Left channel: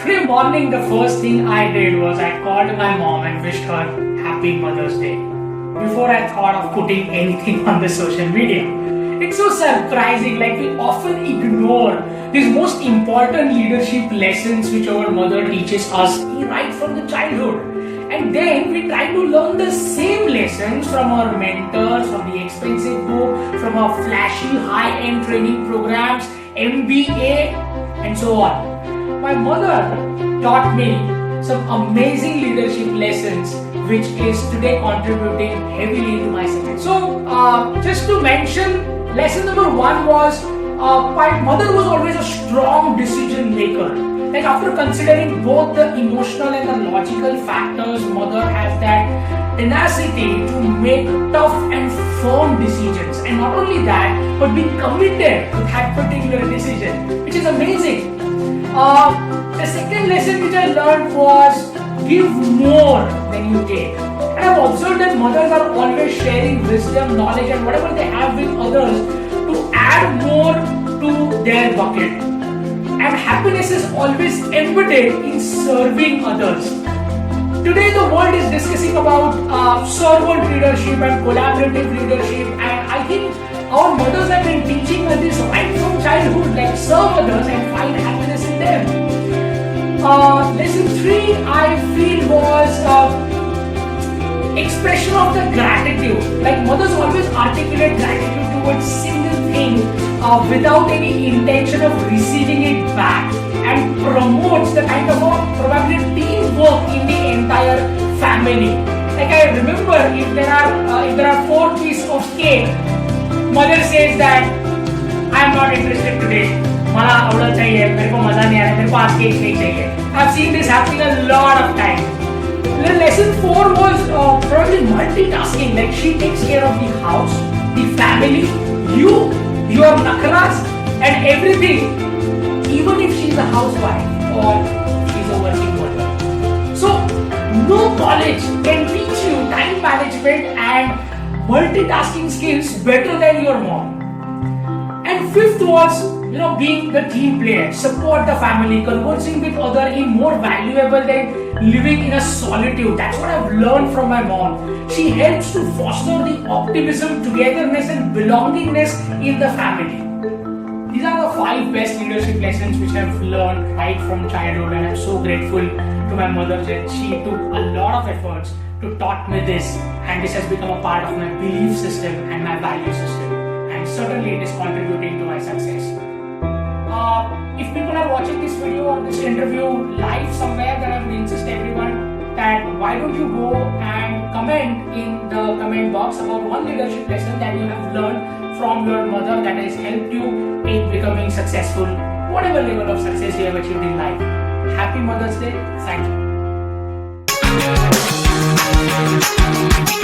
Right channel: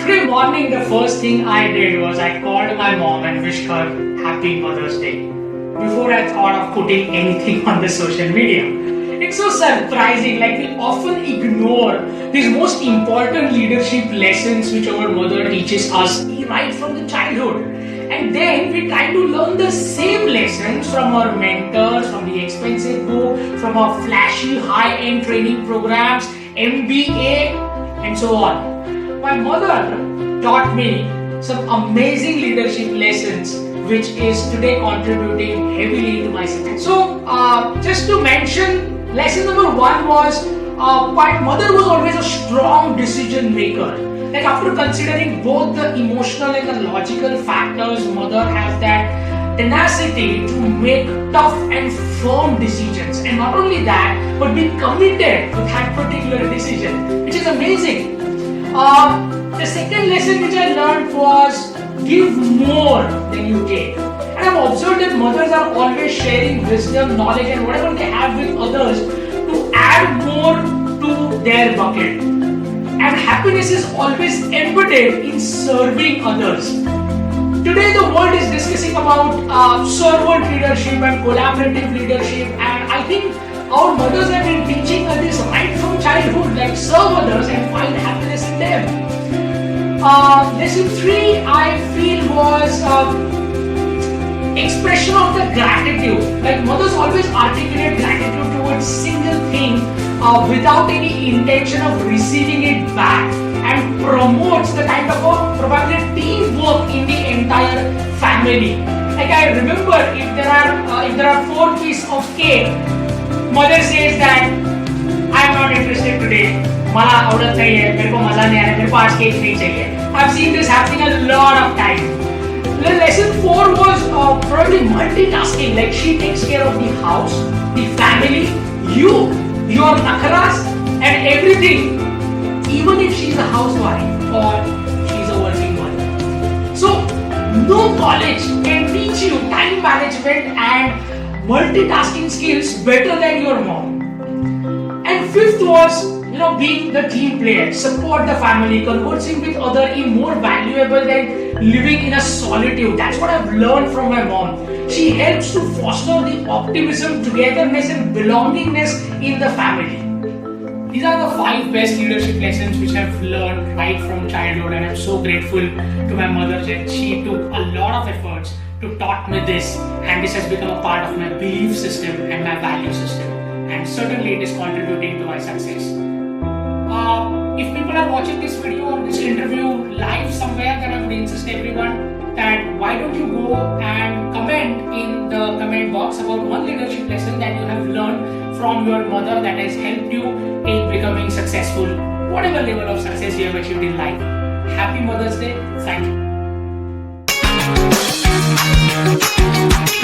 Today morning, the first thing I did was I called my mom and wished her Happy Mother's Day before I thought of putting anything on the social media. It's so surprising, like we often ignore these most important leadership lessons which our mother teaches us right from the childhood. And then we try to learn the same lessons from our mentors, from the expensive book, from our flashy high-end training programs, MBA, and so on. My mother taught me some amazing leadership lessons which is today contributing heavily to my success. So, just to mention, lesson number one was my mother was always a strong decision maker. Like after considering both the emotional and the logical factors, mother has that tenacity to make tough and firm decisions. And not only that, but be committed to that particular decision, which is amazing. The second lesson which I learned was give more than you take. And I've observed that mothers are always sharing wisdom, knowledge, and whatever they have with others to add more to their bucket. And happiness is always embedded in serving others. Today the world is discussing about servant leadership and collaborative leadership, and I think our mothers have been teaching us this right from childhood, like serve others and find happiness in them. Lesson 3 I feel was expression of the gratitude. Like mothers always articulate gratitude towards single thing without any intention of receiving it back, and promotes the kind of probably teamwork in the entire family. Like I remember, if there are 4 pieces of cake, mother says that I am not interested today. मला आवडत नहीं है, मेरे को मजा नहीं आ रहा है, मेरे को आज केक नहीं चाहिए. I've seen this happening a lot of times. Lesson 4 was probably multitasking. Like she takes care of the house, the family, your nakras, and everything. Even if she's a housewife or she's a working mother. So no college can teach you time management and multitasking skills better than your mom. And fifth was, being the team player, support the family, conversing with others is more valuable than living in a solitude. That's what I've learned from my mom. She helps to foster the optimism, togetherness, and belongingness in the family. These are the 5 best leadership lessons which I've learned right from childhood, and I'm so grateful to my mother that she took a lot of efforts to taught me this, and this has become a part of my belief system and my value system, and certainly it is contributing to my success. If people are watching this video or this interview live somewhere, then I would insist everyone that why don't you go and comment in the comment box about one leadership lesson that you have learned from your mother that has helped you in becoming successful, whatever level of success you have achieved in life. Happy Mother's Day. Thank you.